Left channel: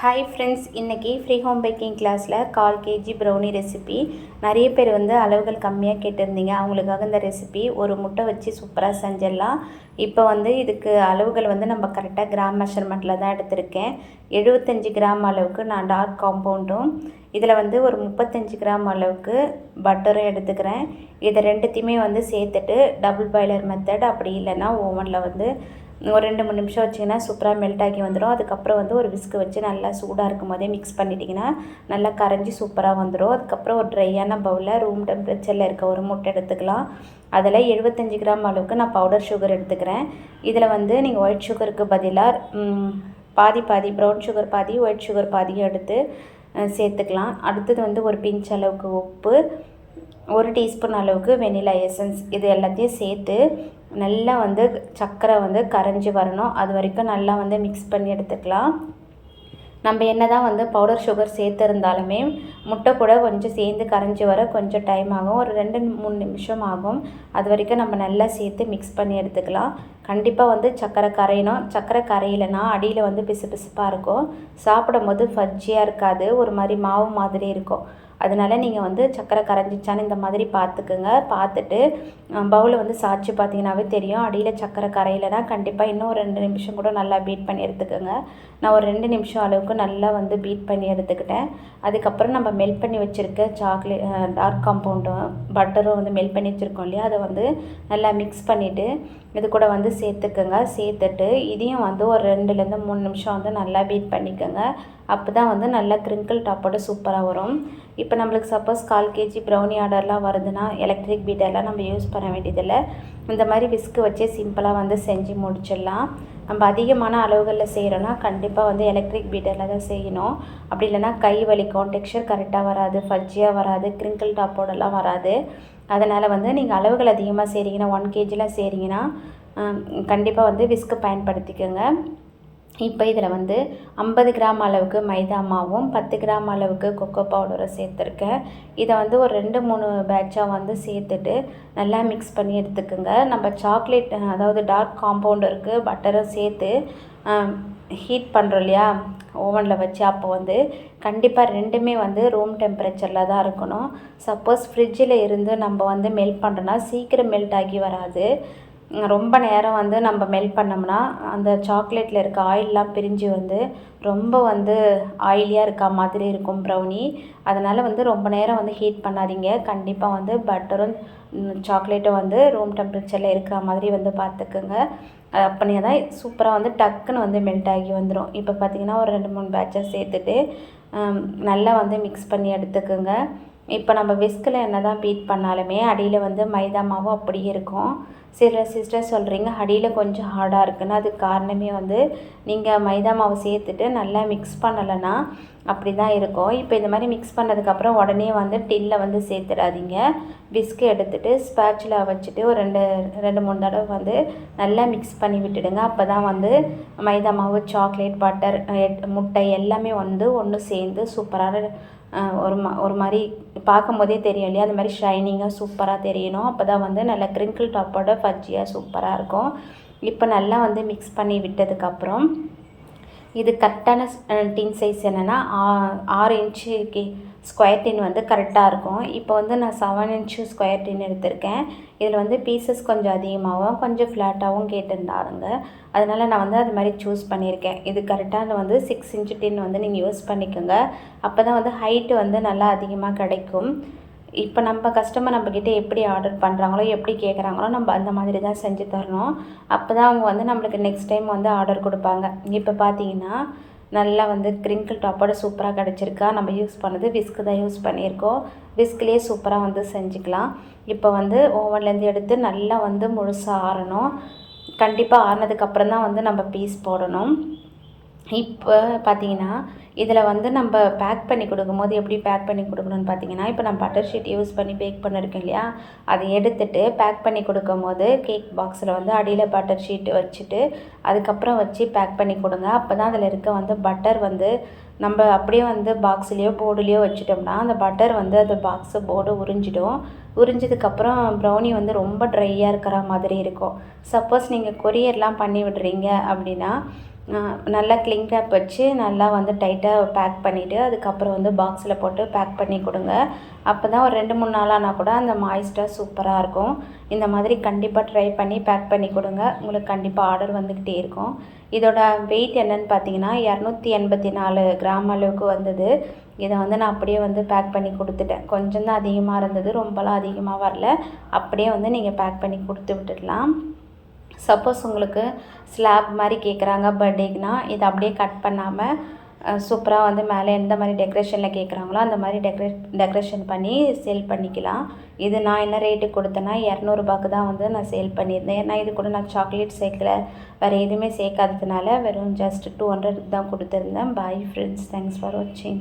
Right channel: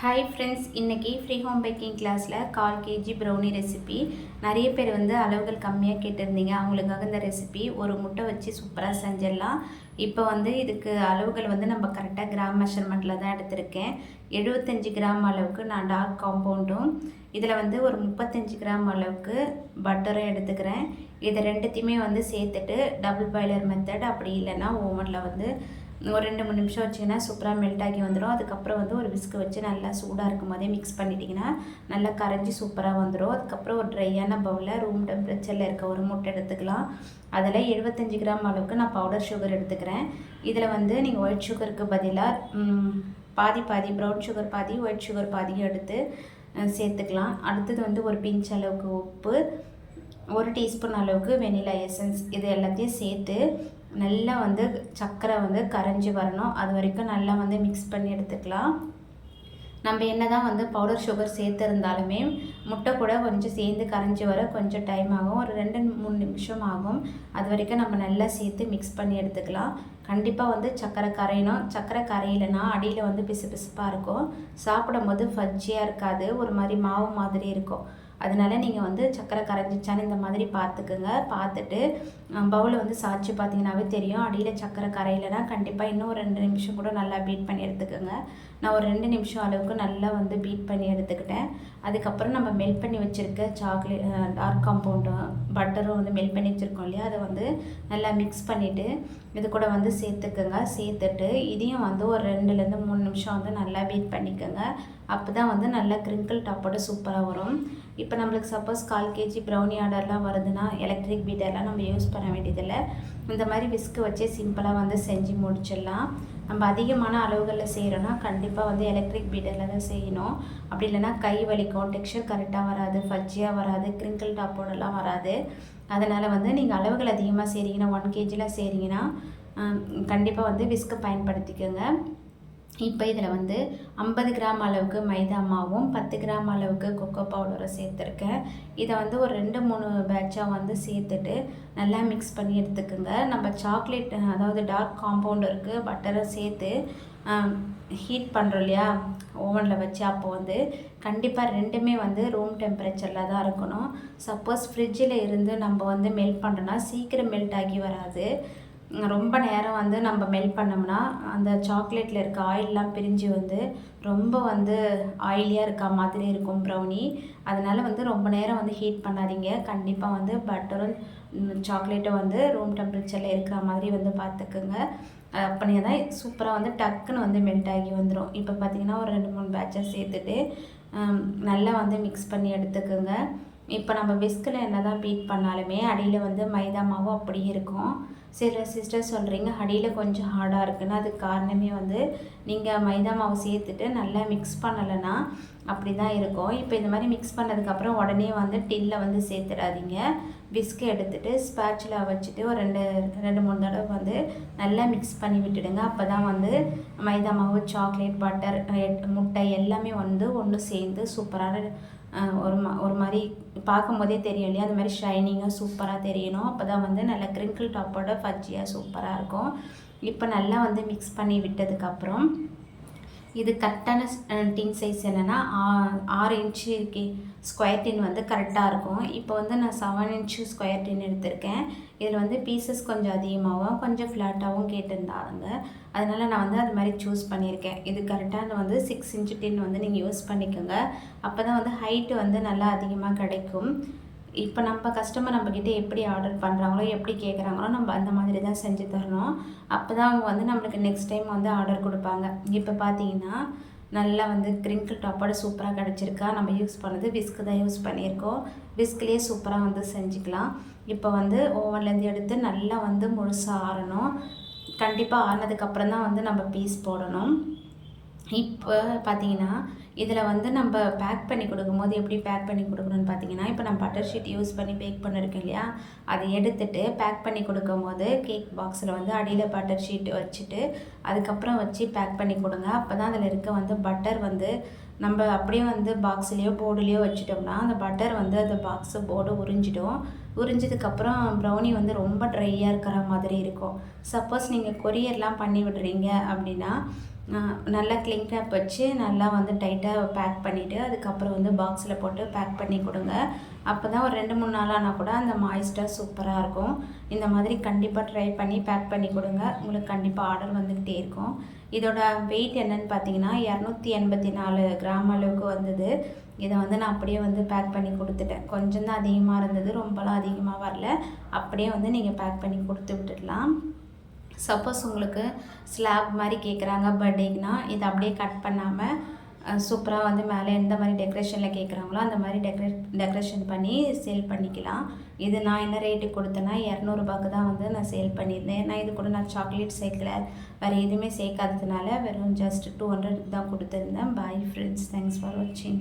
Hi friends இன்றைக்கி free home baking கிளாஸில் கால் கேஜி ப்ரௌனி ரெசிபி நிறைய பேர் வந்து அளவுகள் கம்மியாக கேட்டிருந்தீங்க. அவங்களுக்காக இந்த ரெசிபி ஒரு முட்டை வச்சு சூப்பராக செஞ்சிடலாம். இப்போ வந்து இதுக்கு அளவுகள் வந்து நம்ம கரெக்டாக கிராம் மெஷர்மெண்ட்டில் தான் எடுத்திருக்கேன். எழுபத்தஞ்சி கிராம் அளவுக்கு நான் டார்க் காம்பவுண்டும் இதில் வந்து ஒரு முப்பத்தஞ்சு கிராம் அளவுக்கு பட்டரும் எடுத்துக்கிறேன். இதை ரெண்டுத்தையுமே வந்து சேர்த்துட்டு டபுள் பாய்லர் மெத்தட் அப்படி இல்லைன்னா ஓவனில் வந்து ஒரு ரெண்டு மூணு நிமிஷம் வச்சிங்கன்னா சூப்பராக மெல்ட் ஆகி வந்துடும் அதுக்கப்புறம் வந்து ஒரு விஸ்க்கு வச்சு நல்லா சூடாக இருக்கும் போதே மிக்ஸ் பண்ணிட்டிங்கன்னா நல்லா கரைஞ்சி சூப்பராக வந்துடும் அதுக்கப்புறம் ஒரு ட்ரையான பவுலில் ரூம் டெம்பரேச்சரில் இருக்க ஒரு முட்டை எடுத்துக்கலாம். அதில் எழுபத்தஞ்சு கிராம் அளவுக்கு நான் பவுடர் சுகர் எடுத்துக்கிறேன். இதில் வந்து நீங்கள் ஒயிட் சுகருக்கு பதிலாக பாதி பாதி ப்ரௌன் சுகர் பாதி ஒயிட் சுகர் பாதியும் எடுத்து சேர்த்துக்கலாம். அடுத்தது வந்து ஒரு பிஞ்ச் அளவுக்கு உப்பு ஒரு டீஸ்பூன் அளவுக்கு வெனிலா எசன்ஸ் இது எல்லாத்தையும் சேர்த்து நல்லா வந்து சர்க்கரை வந்து கரைஞ்சி வரணும். அது வரைக்கும் நல்லா வந்து மிக்ஸ் பண்ணி எடுத்துக்கலாம். நம்ம என்ன தான் வந்து பவுடர் சுகர் சேர்த்துருந்தாலுமே முட்டை கூட கொஞ்சம் சேர்ந்து கரைஞ்சி வர கொஞ்சம் டைம் ஆகும். ஒரு ரெண்டு மூணு நிமிஷம் ஆகும். அது வரைக்கும் நம்ம நல்லா சேர்த்து மிக்ஸ் பண்ணி எடுத்துக்கலாம். கண்டிப்பாக வந்து சர்க்கரை கரையணும். சர்க்கரை கரையிலனா அடியில் வந்து பிசு பிசுப்பாக இருக்கும். சாப்பிடும் போது ஃபஜ்ஜியாக இருக்காது. ஒரு மாதிரி மாவு மாதிரி இருக்கும். அதனால் நீங்கள் வந்து சக்கரை கரைஞ்சிச்சான்னு இந்த மாதிரி பார்த்துக்குங்க பார்த்துட்டு பவுலை வந்து சாய்ச்சி பார்த்தீங்கன்னாவே தெரியும். அடியில் சக்கரை கரையிலனா கண்டிப்பாக இன்னும் ஒரு ரெண்டு நிமிஷம் கூட நல்லா பீட் பண்ணி எடுத்துக்கோங்க. நான் ஒரு ரெண்டு நிமிஷம் அளவுக்கு நல்லா வந்து பீட் பண்ணி எடுத்துக்கிட்டேன். அதுக்கப்புறம் நம்ம மெல்ட் பண்ணி வச்சுருக்க சாக்லேட் டார்க் காம்பவுண்டும் பட்டரும் வந்து மெல்ட் பண்ணி வச்சுருக்கோம் இல்லையா? அதை வந்து நல்லா மிக்ஸ் பண்ணிவிட்டு இது கூட வந்து சேர்த்துக்கோங்க. சேர்த்துட்டு இதையும் வந்து ஒரு ரெண்டுலேருந்து மூணு நிமிஷம் வந்து நல்லா பீட் பண்ணிக்கோங்க. அப்போ தான் வந்து நல்லா க்ரிங்கிள் டாப்போட சூப்பராக வரும். இப்போ நம்மளுக்கு சப்போஸ் கால் கேஜி ப்ரௌனி ஆர்டர்லாம் வருதுன்னா எலக்ட்ரிக் பீட்டர்லாம் நம்ம யூஸ் பண்ண வேண்டியதில்லை. இந்த மாதிரி விஸ்க்கு வச்சே சிம்பிளாக வந்து செஞ்சு முடிச்சிடலாம். நம்ம அதிகமான அளவுகளில் செய்கிறோன்னா கண்டிப்பாக வந்து எலக்ட்ரிக் பீட்டரில் தான் செய்யணும். அப்படி இல்லைனா கை வலிக்கும் டெக்ஸ்சர் கரெக்டாக வராது ஃபஜ்ஜியாக வராது கிரிங்கிள் டாப்போடலாம் வராது. அதனால் வந்து நீங்கள் அளவுகள் அதிகமாக செய்கிறீங்கன்னா ஒன் கேஜிலாம் செய்கிறீங்கன்னா கண்டிப்பாக வந்து விஸ்க்கு பயன்படுத்திக்கோங்க. இப்போ இதில் வந்து ஐம்பது கிராம் அளவுக்கு மைதா மாவும் பத்து கிராம் அளவுக்கு கொக்கோ பவுடரும் சேர்த்துருக்கேன். இதை வந்து ஒரு ரெண்டு மூணு பேட்சாக வந்து சேர்த்துட்டு நல்லா மிக்ஸ் பண்ணி எடுத்துக்கோங்க. நம்ம சாக்லேட் அதாவது டார்க் காம்பவுண்ட் இருக்குது பட்டரை சேர்த்து ஹீட் பண்ணுறோம் இல்லையா? ஓவனில் வச்சு அப்போ வந்து கண்டிப்பாக ரெண்டுமே வந்து ரூம் டெம்பரேச்சரில் தான் இருக்கணும். சப்போஸ் ஃப்ரிட்ஜில் இருந்து நம்ம வந்து மெல்ட் பண்ணுறோன்னா சீக்கிரம் மெல்ட் ஆகி வராது. ரொம்ப நேரம் வந்து நம்ம மெல்ட் பண்ணோம்னா அந்த சாக்லேட்டில் இருக்க ஆயிலெலாம் பிரிஞ்சு வந்து ரொம்ப வந்து ஆயிலியாக இருக்க மாதிரி இருக்கும் ப்ரௌனி அதனால் வந்து ரொம்ப நேரம் வந்து ஹீட் பண்ணாதீங்க. கண்டிப்பாக வந்து பட்டரும் சாக்லேட்டும் வந்து ரூம் டெம்பரேச்சரில் இருக்கிற மாதிரி வந்து பார்த்துக்குங்க அப்படியே தான் சூப்பராக வந்து டக்குன்னு வந்து மெல்ட் ஆகி வந்துடும் இப்போ பார்த்திங்கன்னா ஒரு ரெண்டு மூணு பேட்சை சேர்த்துட்டு நல்லா வந்து மிக்ஸ் பண்ணி எடுத்துக்கோங்க. இப்போ நம்ம விஸ்கில் என்ன தான் பீட் பண்ணாலுமே அடியில் வந்து மைதா மாவு அப்படியே இருக்கும். சில சிஸ்டர் சொல்கிறீங்க அடியில் கொஞ்சம் ஹார்டாக இருக்குன்னு. அதுக்கு காரணமே வந்து நீங்கள் மைதா மாவு சேர்த்துட்டு நல்லா மிக்ஸ் பண்ணலைன்னா அப்படி தான் இருக்கும். இப்போ இந்த மாதிரி மிக்ஸ் பண்ணதுக்கப்புறம் உடனே வந்து டின்னில் வந்து சேர்த்துடாதீங்க. பிஸ்கு எடுத்துகிட்டு ஸ்பேச்சில் வச்சுட்டு ஒரு ரெண்டு ரெண்டு மூணு தடவை வந்து நல்லா மிக்ஸ் பண்ணி விட்டுடுங்க. அப்போ தான் வந்து மைதா மாவு சாக்லேட் பட்டர் முட்டை எல்லாமே வந்து ஒன்று சேர்ந்து சூப்பரான ஒரு மா ஒரு மாதிரி பார்க்கும்போதே தெரியும் இல்லையா? அது மாதிரி ஷைனிங்காக சூப்பராக தெரியணும். அப்போ தான் வந்து நல்லா க்ரிங்கிள் டாப்போட ஃபஜ்ஜியாக சூப்பராக இருக்கும். இப்போ நல்லா வந்து மிக்ஸ் பண்ணி விட்டதுக்கப்புறம் இது கரெக்டான டின் சைஸ் என்னென்னா ஆறு இன்ச்சு ஸ்கொயர் டின் வந்து கரெக்டாக இருக்கும். இப்போ வந்து நான் செவன் இன்ச்சு ஸ்கொயர் டின் எடுத்திருக்கேன். இதில் வந்து பீசஸ் கொஞ்சம் அதிகமாகவும் கொஞ்சம் ஃப்ளாட்டாகவும் கேட்டிருந்தாருங்க. அதனால் நான் வந்து அது மாதிரி சூஸ் பண்ணியிருக்கேன். இது கரெக்டான வந்து சிக்ஸ் இன்ச்சு டின் வந்து நீங்கள் யூஸ் பண்ணிக்கோங்க. அப்போ தான் வந்து ஹைட்டு வந்து நல்லா அதிகமாக கிடைக்கும். இப்போ நம்ம கஸ்டமர் நம்மக்கிட்ட எப்படி ஆர்டர் பண்ணுறாங்களோ எப்படி கேட்குறாங்களோ நம்ம அந்த மாதிரி தான் செஞ்சு தரணும். அப்போ தான் அவங்க வந்து நம்மளுக்கு நெக்ஸ்ட் டைம் வந்து ஆர்டர் கொடுப்பாங்க. இப்போ பார்த்தீங்கன்னா நல்லா வந்து கிரிங்கிள் டாப்போட சூப்பராக கிடச்சிருக்கா. நம்ம யூஸ் பண்ணது விஸ்க்கு தான் யூஸ் பண்ணியிருக்கோம். விஸ்க்லேயே சூப்பராக வந்து செஞ்சுக்கலாம். இப்போ வந்து ஓவன்லேருந்து எடுத்து நல்லா வந்து முழுசாக ஆறணும். கண்டிப்பாக ஆறினதுக்கப்புறம் தான் வந்து நம்ம பீஸ் போடணும். இப்போ பார்த்தீங்கன்னா இதில் வந்து நம்ம பேக் பண்ணி கொடுக்கும்போது எப்படி பேக் பண்ணி கொடுக்கணும்னு பார்த்தீங்கன்னா இப்போ நான் பட்டர் ஷீட் யூஸ் பண்ணி பேக் பண்ணியிருக்கேன் இல்லையா? அதை எடுத்துட்டு பேக் பண்ணி கொடுக்கும்போது கேக் பாக்ஸில் வந்து அடியில் பட்டர் ஷீட் வச்சுட்டு அதுக்கப்புறம் வச்சு பேக் பண்ணி கொடுங்க. அப்போ தான் அதில் இருக்க வந்து பட்டர் வந்து நம்ம அப்படியே வந்து பாக்ஸ்லேயோ போர்டுலேயோ வச்சுட்டோம்னா அந்த பட்டர் வந்து அந்த பாக்ஸு போர்டு உறிஞ்சிடும். உறிஞ்சதுக்கப்புறம் ப்ரௌனி வந்து ரொம்ப ட்ரையாக இருக்கிற மாதிரி இருக்கும். சப்போஸ் நீங்கள் கொரியர்லாம் பண்ணி விடுறீங்க அப்படின்னா நல்லா கிளிங் ரேப் வச்சு நல்லா வந்து டைட்டாக பேக் பண்ணிவிட்டு அதுக்கப்புறம் வந்து பாக்ஸில் போட்டு பேக் பண்ணி கொடுங்க. அப்போ தான் ஒரு ரெண்டு மூணு நாளானா கூட அந்த மாய்ஸ்டாக சூப்பராக இருக்கும். இந்த மாதிரி கண்டிப்பாக ட்ரை பண்ணி பேக் பண்ணி கொடுங்க. உங்களுக்கு கண்டிப்பாக ஆர்டர் வந்துக்கிட்டே இருக்கும். இதோட வெயிட் என்னன்னு பார்த்தீங்கன்னா இரநூத்தி எண்பத்தி நாலு கிராம் அளவுக்கு வந்தது. இதை வந்து நான் அப்படியே வந்து பேக் பண்ணி கொடுத்துட்டேன். கொஞ்சம் தான் அதிகமாக இருந்தது ரொம்பலாம் அதிகமாக வரல. அப்படியே வந்து நீங்கள் பேக் பண்ணி கொடுத்து விட்டுடலாம். சப்போஸ் உங்களுக்கு ஸ்லாப் மாதிரி கேட்குறாங்க பர்த்டேக்குனா இதை அப்படியே கட் பண்ணாமல் சூப்பராக வந்து மேலே எந்த மாதிரி டெக்கரேஷனில் கேட்குறாங்களோ அந்த மாதிரி டெக்கரேட் டெக்கரேஷன் பண்ணி சேல் பண்ணிக்கலாம். இது நான் என்ன ரேட்டு கொடுத்தேன்னா இரநூறுபாக்கு தான் வந்து நான் சேல் பண்ணியிருந்தேன். ஏன்னா இது கூட நான் சாக்லேட் சேர்க்கல. வேறு எதுவுமே சேர்க்காததுனால வெறும் ஜஸ்ட் டூ ஹண்ட்ரடுக்கு தான் கொடுத்துருந்தேன். பாய் ஃப்ரெண்ட்ஸ் தேங்க்ஸ் ஃபார் வாட்சிங்